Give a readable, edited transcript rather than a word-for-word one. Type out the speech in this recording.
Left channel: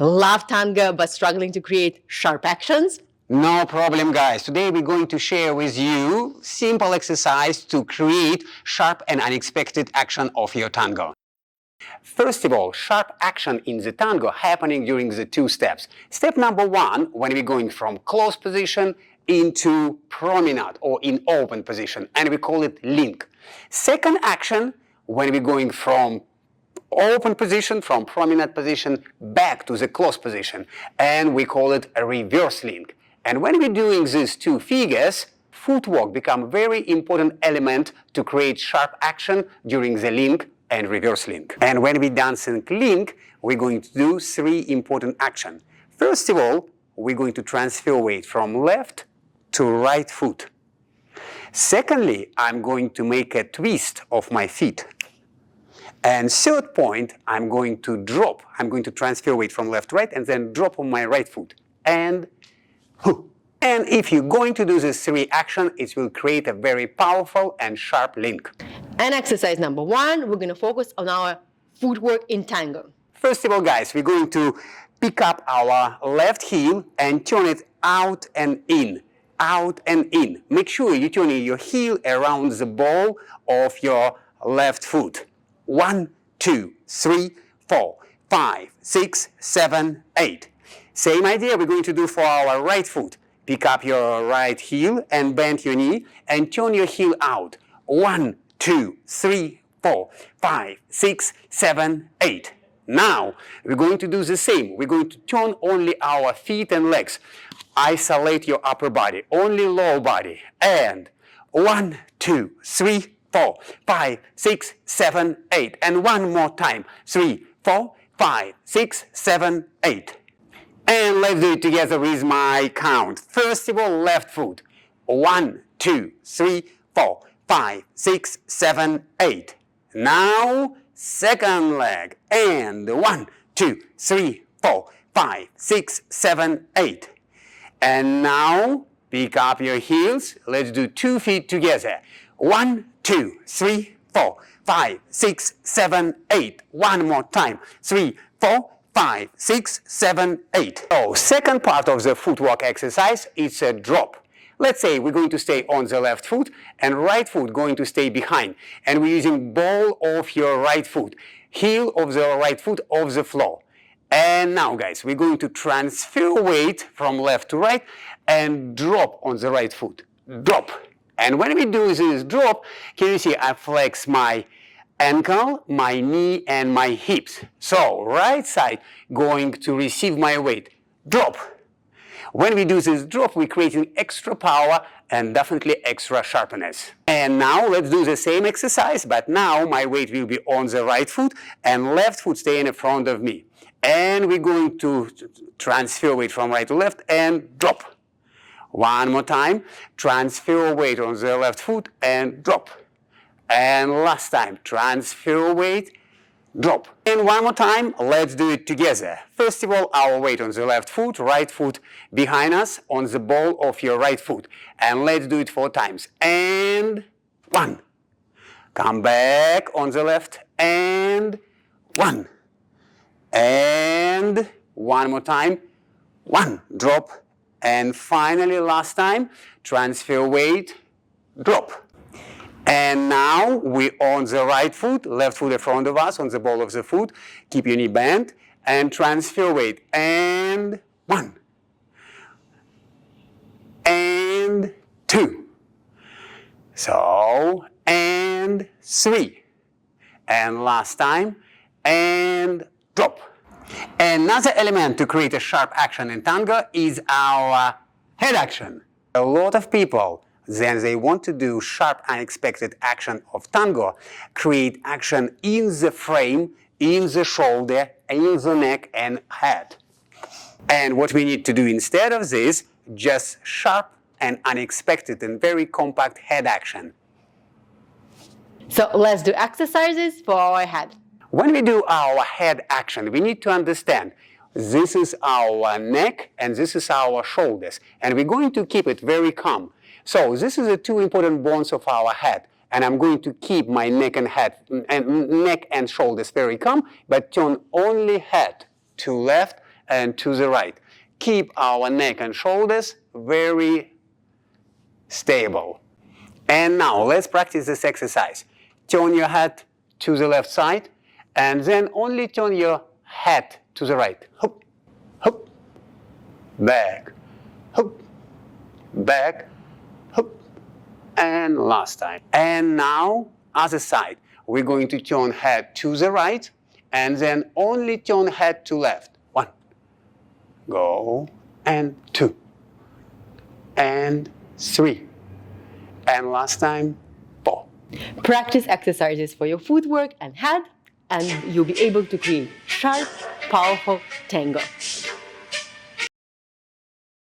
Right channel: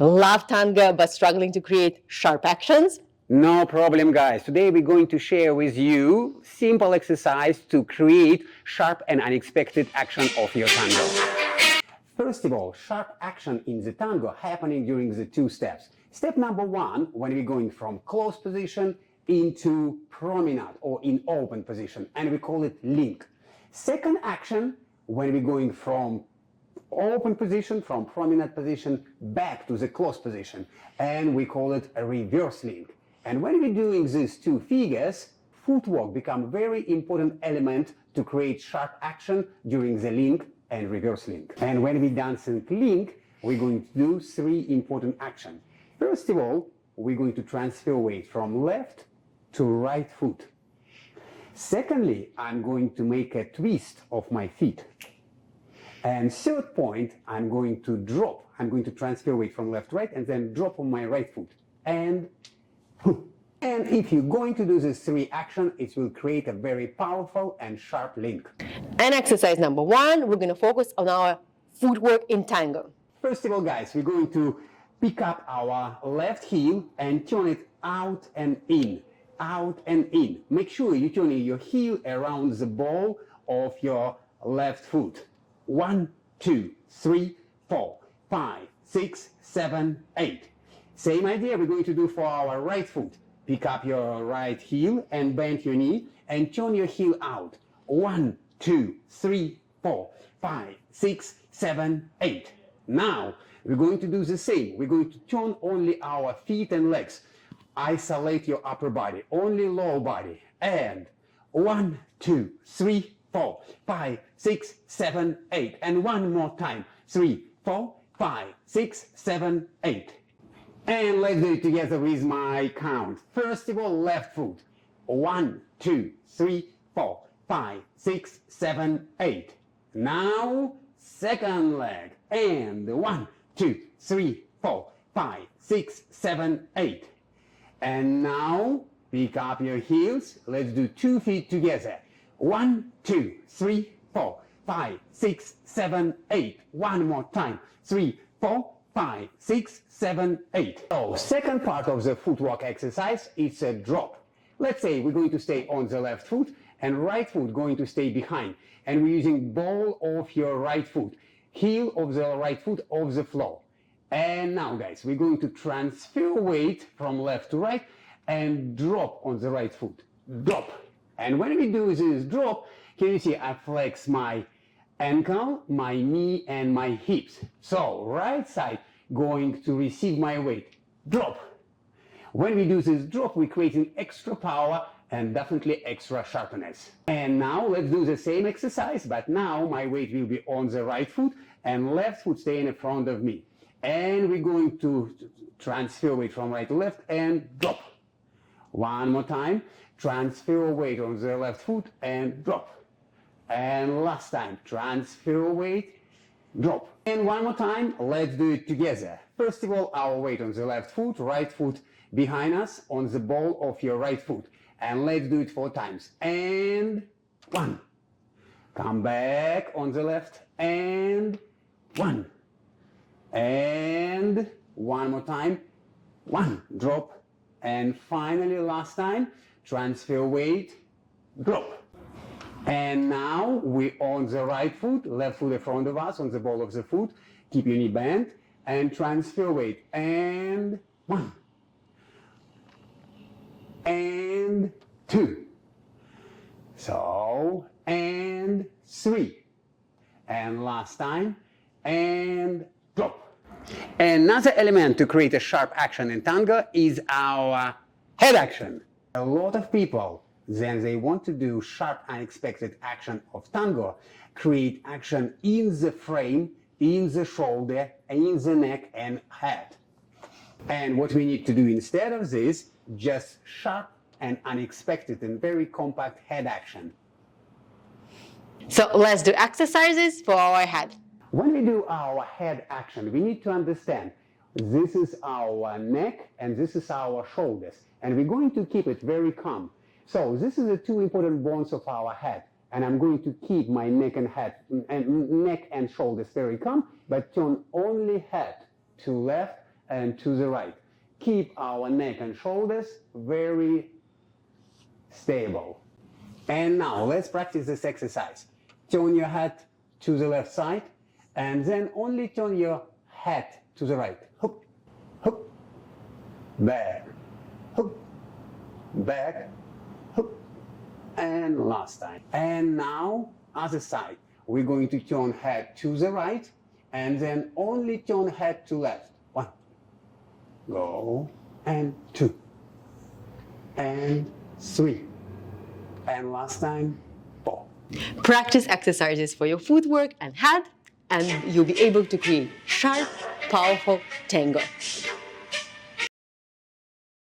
Love tango but struggling to create sharp actions? No problem, guys. Today we're going to share with you simple exercise to create sharp and unexpected action of your tango. First of all, sharp action in the tango happening during the two steps. Step number one, when we're going from close position into promenade or in open position, and we call it link. Second action, when we're going from open position, from promenade position back to the close position, and we call it a reverse link. And when we're doing these two figures, footwork becomes a very important element to create sharp action during the link and reverse link. And when we dancing link, we're going to do three important actions. First of all, we're going to transfer weight from left to right foot. Secondly, I'm going to make a twist of my feet. And third point, I'm going to drop. I'm going to transfer weight from left to right and then drop on my right foot. And if you're going to do these three actions, it will create a very powerful and sharp link. And exercise number one, we're going to focus on our footwork in tango. First of all, guys, we're going to pick up our left heel and turn it out and in. Out and in. Make sure you turn your heel around the ball of your left foot. 1, 2, 3, 4, 5, 6, 7, 8. Same idea we're going to do for our right foot. Pick up your right heel and bend your knee and turn your heel out. 1, 2, 3, 4, 5, 6, 7, 8. Now, we're going to do the same. We're going to turn only our feet and legs. Isolate your upper body, only lower body. And 1, 2, 3, 4, 5, 6, 7, 8. And one more time. 3, 4, 5, 6, 7, 8. And let's do it together with my count. First of all, left foot. 1, 2, 3, 4, 5, 6, 7, 8. Now, second leg. And 1, 2, 3, 4, 5, 6, 7, 8. And now, pick up your heels. Let's do 2 feet together. 1, 2, 3, 4, 5, 6, 7, 8. One more time. 3, 4, 5, 6, 7, 8. So, second part of the footwork exercise is a drop. Let's say we're going to stay on the left foot and right foot going to stay behind. And we're using ball of your right foot, heel of the right foot off the floor. And now, guys, we're going to transfer weight from left to right and drop on the right foot. Drop. And when we do this drop, can you see I flex my ankle, my knee, and my hips. So, right side going to receive my weight. Drop. When we do this drop, we're creating extra power and definitely extra sharpness. And now let's do the same exercise, but now my weight will be on the right foot and left foot stay in front of me. And we're going to transfer weight from right to left and drop. One more time, transfer weight on the left foot and drop. And last time, transfer weight, drop. And one more time, let's do it together. First of all, our weight on the left foot, right foot behind us on the ball of your right foot. And let's do it 4 times. And 1. Come back on the left and 1. And one more time, 1, drop. And finally, last time, transfer weight, drop. And now we're on the right foot, left foot in front of us, on the ball of the foot. Keep your knee bent and transfer weight. And 1. And 2. So, and 3. And last time, and drop. Another element to create a sharp action in tango is our head action. A lot of people, then they want to do sharp, unexpected action of tango, create action in the frame, in the shoulder, in the neck and head. And what we need to do instead of this, just sharp and unexpected and very compact head action. So let's do exercises for our head. When we do our head action, we need to understand this is our neck and this is our shoulders. And we're going to keep it very calm. So this is the 2 important bones of our head. And I'm going to keep my neck and shoulders very calm, but turn only head to left and to the right. Keep our neck and shoulders very stable. And now let's practice this exercise. Turn your head to the left side and then only turn your head to the right. Hop, hop, back, hop, back, hop, and last time. And now other side. We're going to turn head to the right and then only turn head to left. 1, go, and 2, and 3, and last time 4. Practice exercises for your footwork and head, and you'll be able to create sharp, powerful tango.